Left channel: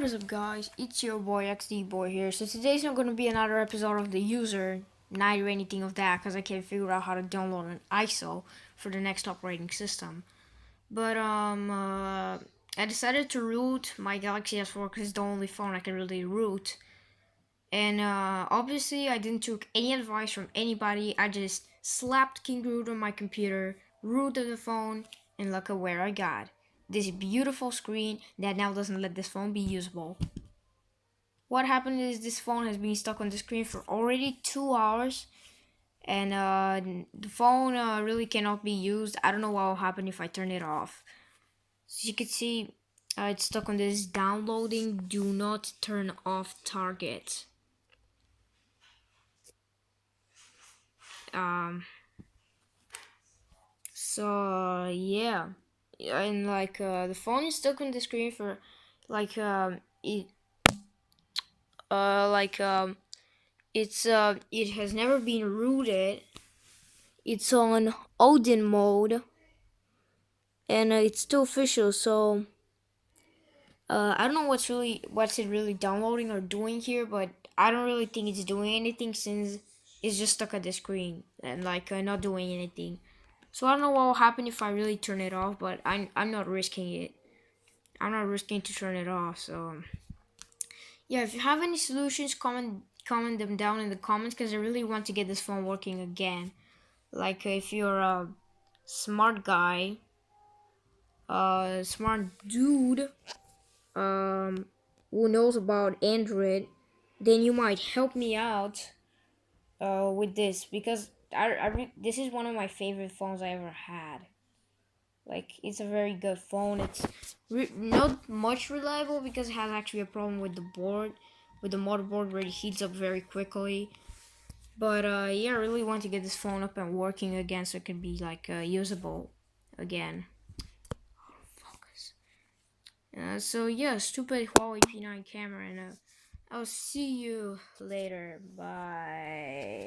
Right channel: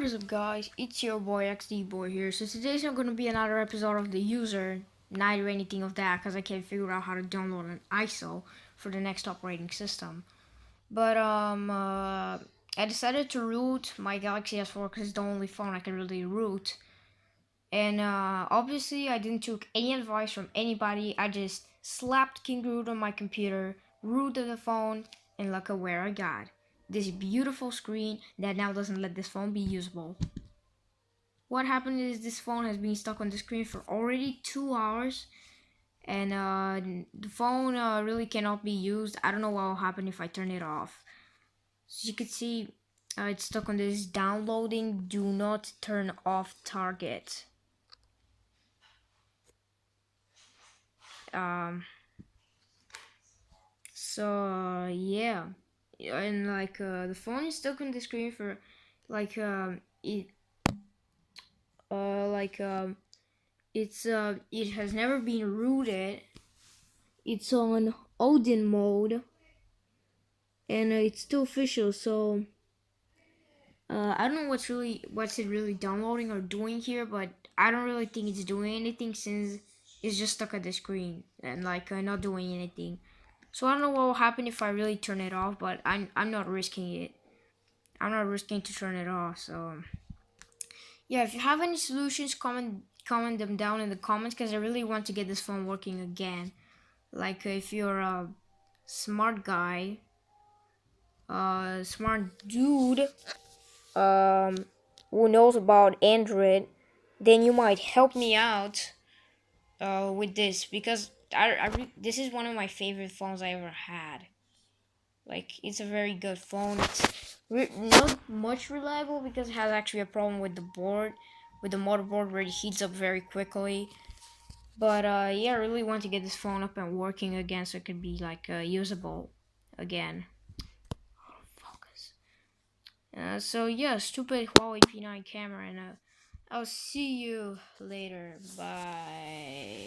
What is up, guys? It's your boy XD Boy here. So today's not gonna be another episode of the user night or anything of that, because I can't figure out how to download an ISO for the next operating system. But I decided to root my Galaxy S4 because it's the only phone I can really root. And obviously, I didn't took any advice from anybody. I just slapped King Root on my computer, rooted the phone, and look at where I got. This beautiful screen that now doesn't let this phone be usable. What happened is this phone has been stuck on the screen for already 2 hours, and the phone really cannot be used. I don't know what will happen if I turn it off. So you can see it's stuck on this downloading do not turn off target. Yeah, and like the phone is stuck on the screen for like it like it has never been rooted. It's on Odin mode, and it's still official. So I don't know what's it really downloading or doing here, but I don't really think it's doing anything since it's just stuck at the screen and like not doing anything. So I don't know what will happen if I really turn it off, but I'm not risking it. I'm not risking to turn it off. So yeah, if you have any solutions, comment them down in the comments, because I really want to get this phone working again. Like if you're a smart guy, smart dude, who knows about Android, then you might help me out with this, because this is one of my favorite phones I ever had. Like, it's a very good phone. It's not much reliable because it has actually a problem with the board, with the motherboard, where it heats up very quickly. But yeah, I really want to get this phone up and working again so it could be like usable again. Focus. So yeah, stupid Huawei P9 camera, and I'll see you later. Bye.